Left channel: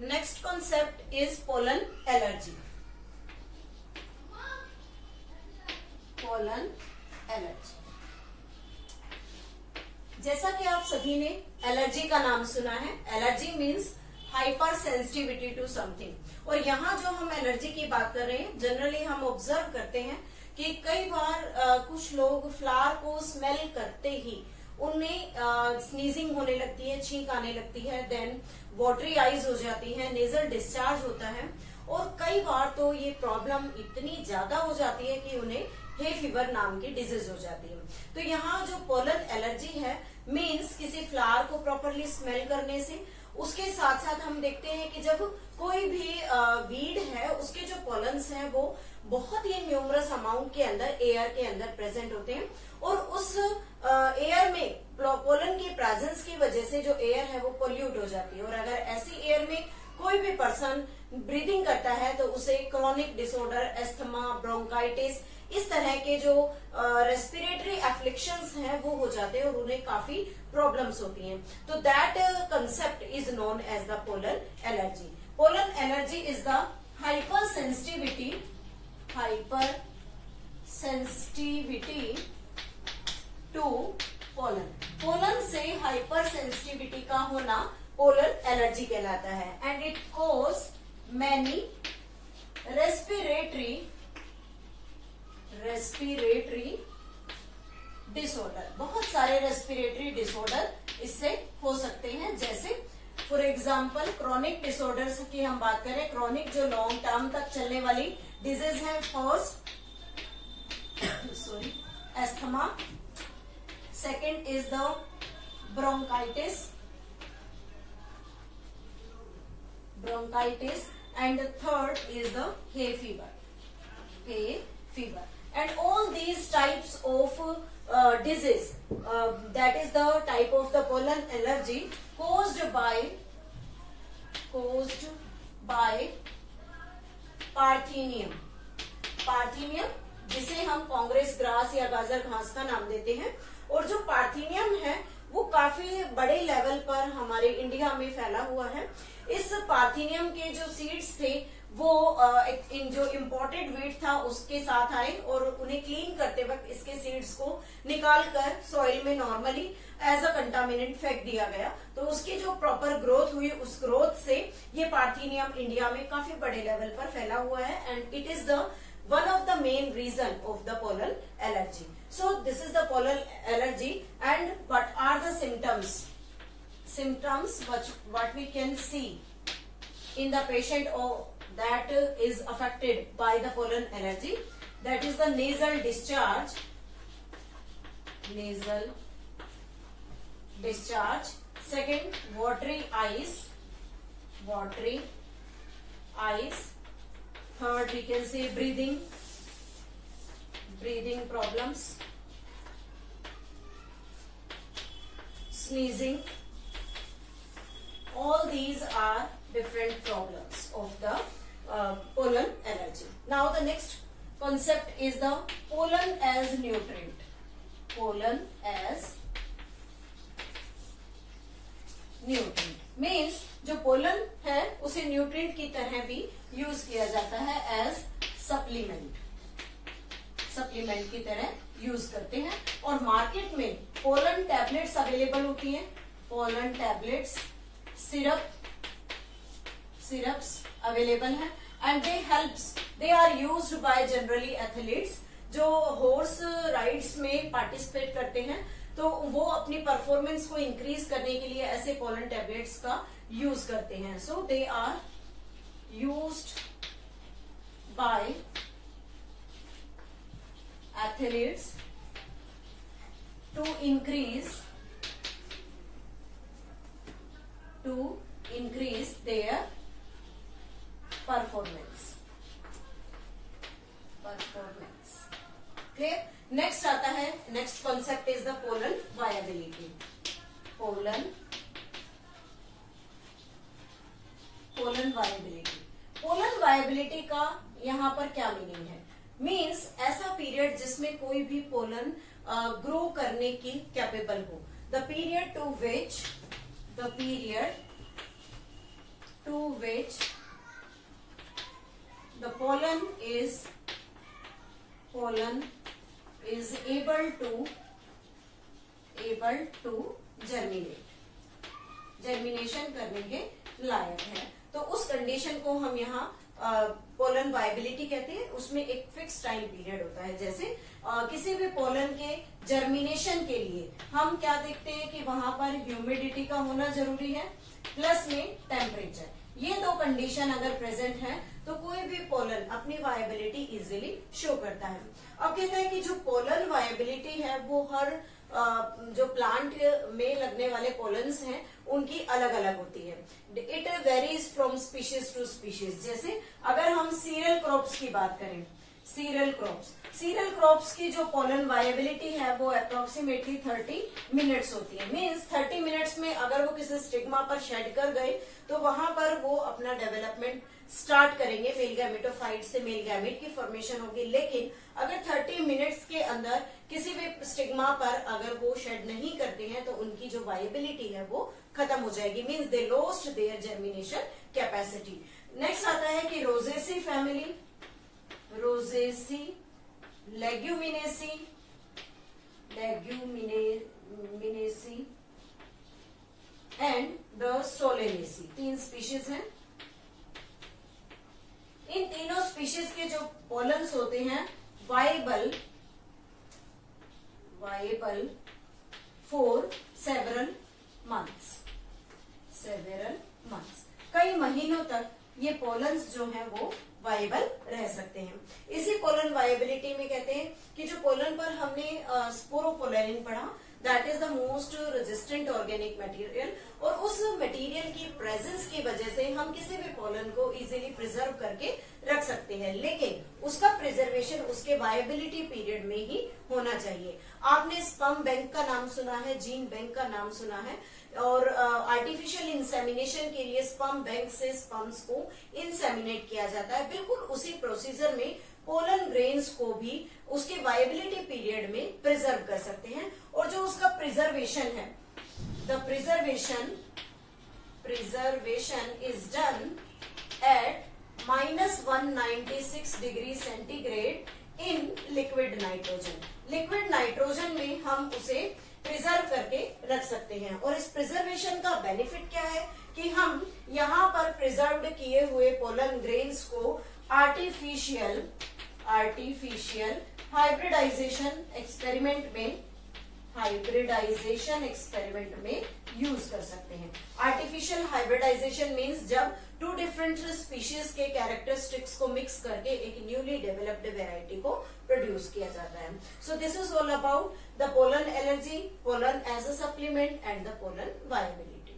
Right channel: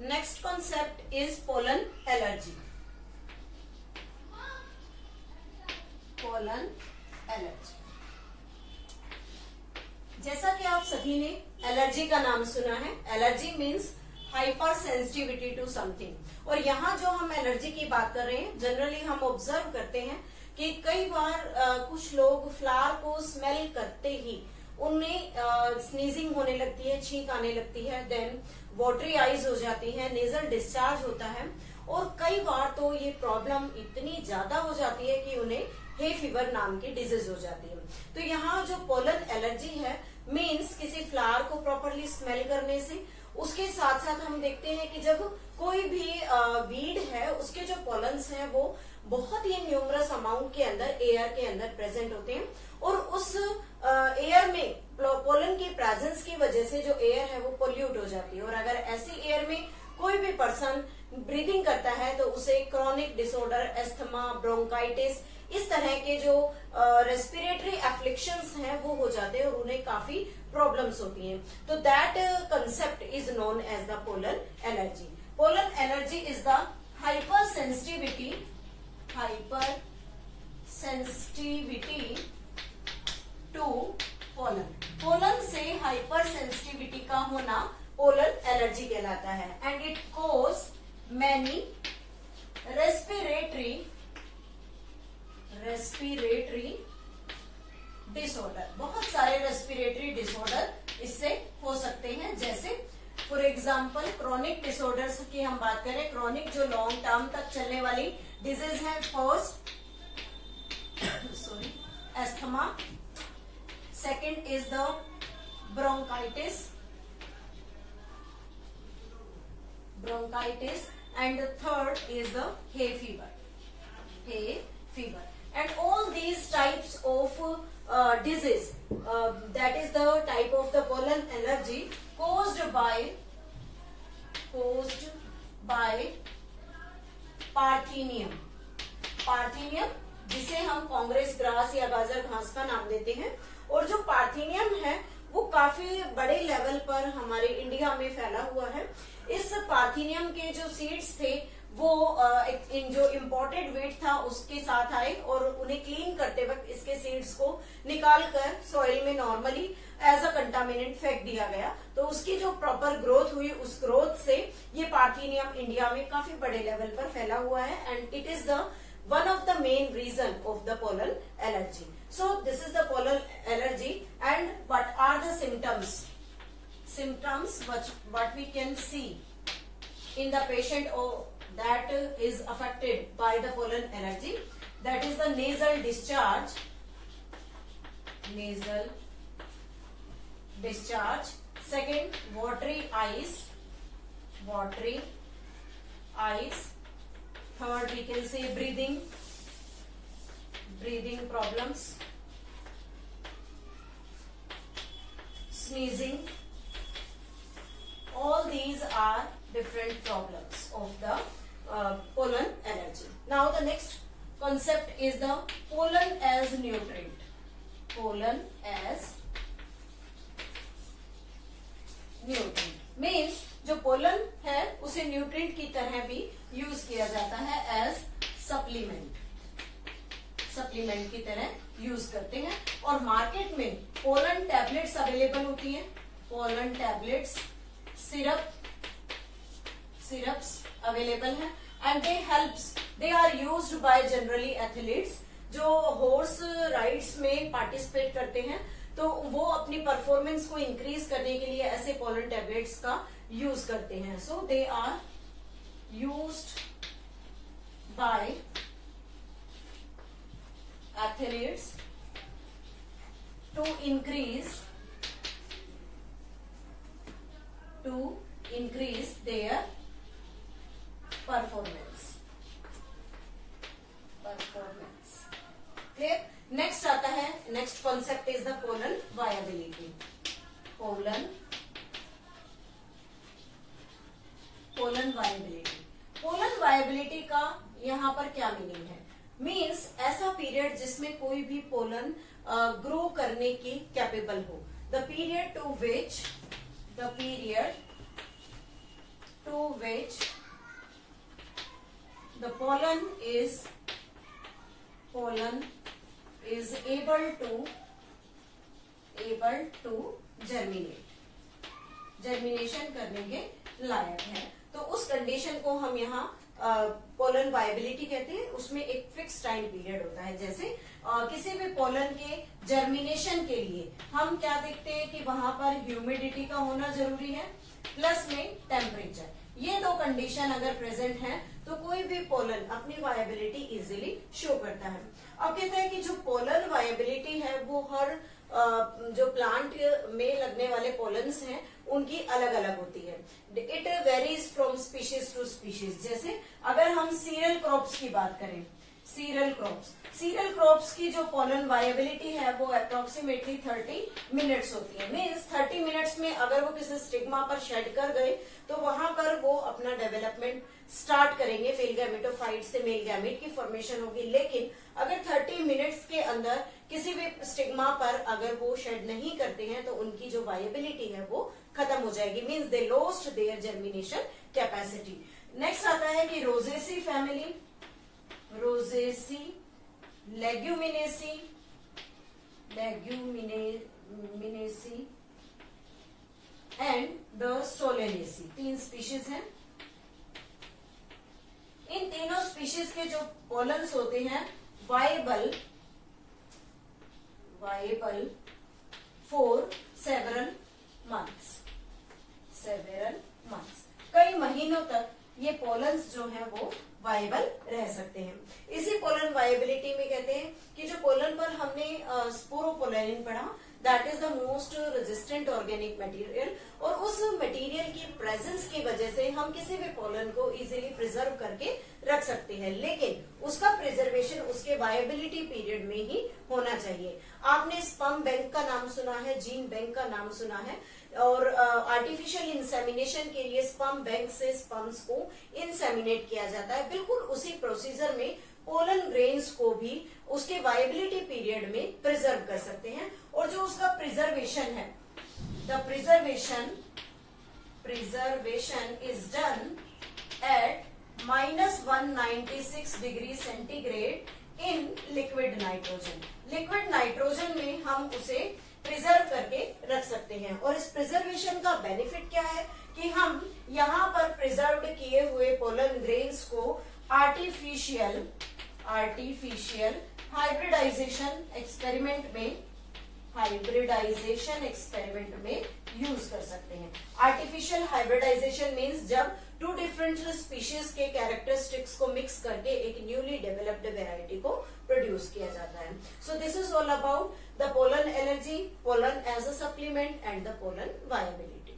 Next concept is pollen allergy. Pollen allergy, जैसा कि आप सभी ने एलर्जी का नाम सुना है, allergy means hypersensitivity to something. और यहाँ जो हम एलर्जी की बात कर रहे हैं, जनरली हम ऑब्जर्व करते हैं कि कई बार कुछ लोग फ्लावर को स्मेल करते ही उनमें स्नीजिंग होने लगती है, छींक आने लगती है, देन वाटरी आईज हो जाती है, नेजल डिस्चार्ज होता है, और कई बार तो ये प्रॉब्लम इतनी ज्यादा हो जाती है कि उन्हें हे फीवर नाम की डिजीज हो जाती है। तो यहाँ जो पोलन एलर्जी है मीन्स किसी फ्लावर को प्रॉपरली स्मेल करने से, उसके साथ साथ हम देखते हैं कि जब कोई भी वीड है उसके जो पोलन्स हैं वो बहुत ही न्यूमरस अमाउंट के अंदर एयर के अंदर प्रेजेंट होते हैं, और उस एयर में पोलन की प्रेजेंस की वजह से जो एयर है वो पोल्यूट हो जाती है। और अगर ऐसी एयर में कोई भी पर्सन ब्रीदिंग करता है तो उसे क्रोनिक डिसऑर्डर, एस्थमा, ब्रोंकाइटिस, इस तरह के जो रेस्पिरेटरी एफ्लिक्शंस हैं वो हो जाते हैं और उन्हें काफी प्रॉब्लम्स होती हैं। तो that concept is known as the pollen allergy. Pollen allergy is the hypersensitivity to pollen. Pollen से हाइपर सेंसिटिविटी का होना पोलन एलर्जी कहलाता है, and it cause many respiratory disorder. बहुत सारे रेस्पिरेटरी डिसऑर्डर इससे हो सकते हैं, जैसे फॉर एग्जाम्पल क्रोनिक डिसऑर्डर्स की हम बात करें, क्रोनिक जो लॉन्ग टर्म तक चलने वाली डिजीज है, first asthma, second is the bronchitis, and the third is the hay fever. And all these types of disease, that is the type of the pollen allergy caused by parthenium, जिसे हम Congress grass या गाजर घास का नाम देते हैं। और जो पार्थेनियम है वो काफी बड़े लेवल पर हमारे इंडिया में फैला हुआ है। इस पार्थेनियम के जो सीड्स थे वो जो इम्पोर्टेड वीट था उसके साथ आए और उन्हें क्लीन करते वक्त इसके सीड्स को निकालकर सॉइल में नॉर्मली एज अ कंटामिनेंट फेंक दिया गया। तो उसकी जो प्रॉपर ग्रोथ हुई, उस ग्रोथ से ये पार्थेनियम इंडिया में काफी बड़े लेवल पर फैला हुआ है, and it is the one of the main reason of the pollen allergy. So this is the pollen allergy, and what are the symptoms what we can see in the patient that is affected by the pollen allergy. That is the nasal discharge, second watery eyes, third we can say breathing problems, sneezing. All these are different problems of the pollen allergy. Now the next concept is the pollen as nutrient. Pollen as nutrient means जो pollen है उसे nutrient की तरह भी use किया जाता है, as supplement की तरह यूज करते हैं। और मार्केट में पोलन टैबलेट्स अवेलेबल होती हैं, पोलन टैबलेट्स, सिरप्स अवेलेबल हैं, and they are used by generally athletes जो हॉर्स राइड्स में पार्टिसिपेट करते हैं। तो वो अपनी परफॉर्मेंस को इंक्रीज करने के लिए ऐसे पोलन टैबलेट्स का यूज करते हैं। So they are used by athletes to increase their performance. Clear? Next आता है, next concept is the pollen viability. Pollen viability का यहाँ पर क्या मीनिंग है? मीन्स ऐसा पीरियड जिसमें कोई भी पोलन ग्रो करने की कैपेबल हो। The period to which the pollen is able to germination करने के लायक है। तो उस कंडीशन को हम यहाँ पोलन वायबिलिटी कहते हैं। उसमें एक फिक्स टाइम पीरियड होता है। जैसे किसी भी पोलन के जर्मिनेशन के लिए हम क्या देखते हैं कि वहां पर ह्यूमिडिटी का होना जरूरी है, प्लस में टेम्परेचर। ये दो कंडीशन अगर प्रेजेंट है तो कोई भी पोलन अपनी वायबिलिटी इजीली शो करता है। अब कहता है कि जो पोलन वायबिलिटी है वो हर जो प्लांट में लगने वाले पोलन्स हैं उनकी अलग अलग होती है। It varies from species to species. जैसे अगर हम सीरियल क्रॉप्स की बात करें, सीरियल क्रॉप्स की जो पोलन वायबिलिटी है वो अप्रोक्सीमेटली 30 मिनट्स होती है। मीन्स 30 मिनट्स में अगर वो किसी स्टिग्मा पर शेड कर गए तो वहां पर वो अपना डेवलपमेंट स्टार्ट करेंगे। मेल गैमेटोफाइट से मेल गैमेट की फॉर्मेशन होगी। लेकिन अगर 30 मिनट्स के अंदर किसी भी स्टिग्मा पर अगर वो शेड नहीं करते हैं तो उनकी जो वायबिलिटी है वो खत्म हो जाएगी। Means they lost their germination capacity. Next आता है कि Rosaceae family, Rosaceae, Leguminosae and the Solanaceae. 3 species हैं। इन तीनों स्पीशीज के जो पोलन्स होते हैं वाइबल फॉर सेवरल मंथ्स। कई महीनों तक ये पोलन्स जो है वो वाइबल रह सकते हैं। इसी पोलन वायबिलिटी में कहते हैं कि जो पोलन पर हमने स्पोरोपोलेरिन पढ़ा, that is the most resistant organic material. और उस मटेरियल की प्रेजेंस की वजह से हम किसी भी पोलन को इजीली प्रिजर्व करके रख सकते हैं। लेकिन उसका प्रिजर्वेशन उसके वायबिलिटी पीरियड में ही होना चाहिए। आपने स्पर्म बैंक का नाम सुना है, जीन बैंक का नाम सुना है। और आर्टिफिशियल इंसेमिनेशन के लिए स्पर्म बैंक से स्पर्म्स को इंसेमिनेट किया जाता है। बिल्कुल उसी प्रोसीजर में पोलन ग्रेन्स को भी उसके वायबिलिटी पीरियड में प्रिजर्व कर सकते हैं। और जो उसका प्रिजर्वेशन है, the preservation is done at -196 degree centigrade in liquid nitrogen. Liquid nitrogen में हम उसे प्रिजर्व करके रख सकते हैं। और इस प्रिजर्वेशन का बेनिफिट क्या है कि हम यहाँ पर प्रिजर्व्ड किए हुए पोलन ग्रेन्स को आर्टिफिशियल हाइब्रिडाइजेशन एक्सपेरिमेंट में यूज कर सकते हैं। आर्टिफिशियल हाइब्रिडाइजेशन मीन्स जब 2 डिफरेंट स्पीशीज के कैरेक्टरिस्टिक्स को मिक्स करके एक न्यूली डेवलप्ड वेराइटी को प्रोड्यूस किया जाता है। So this is all about the pollen allergy, pollen as a supplement and the pollen viability.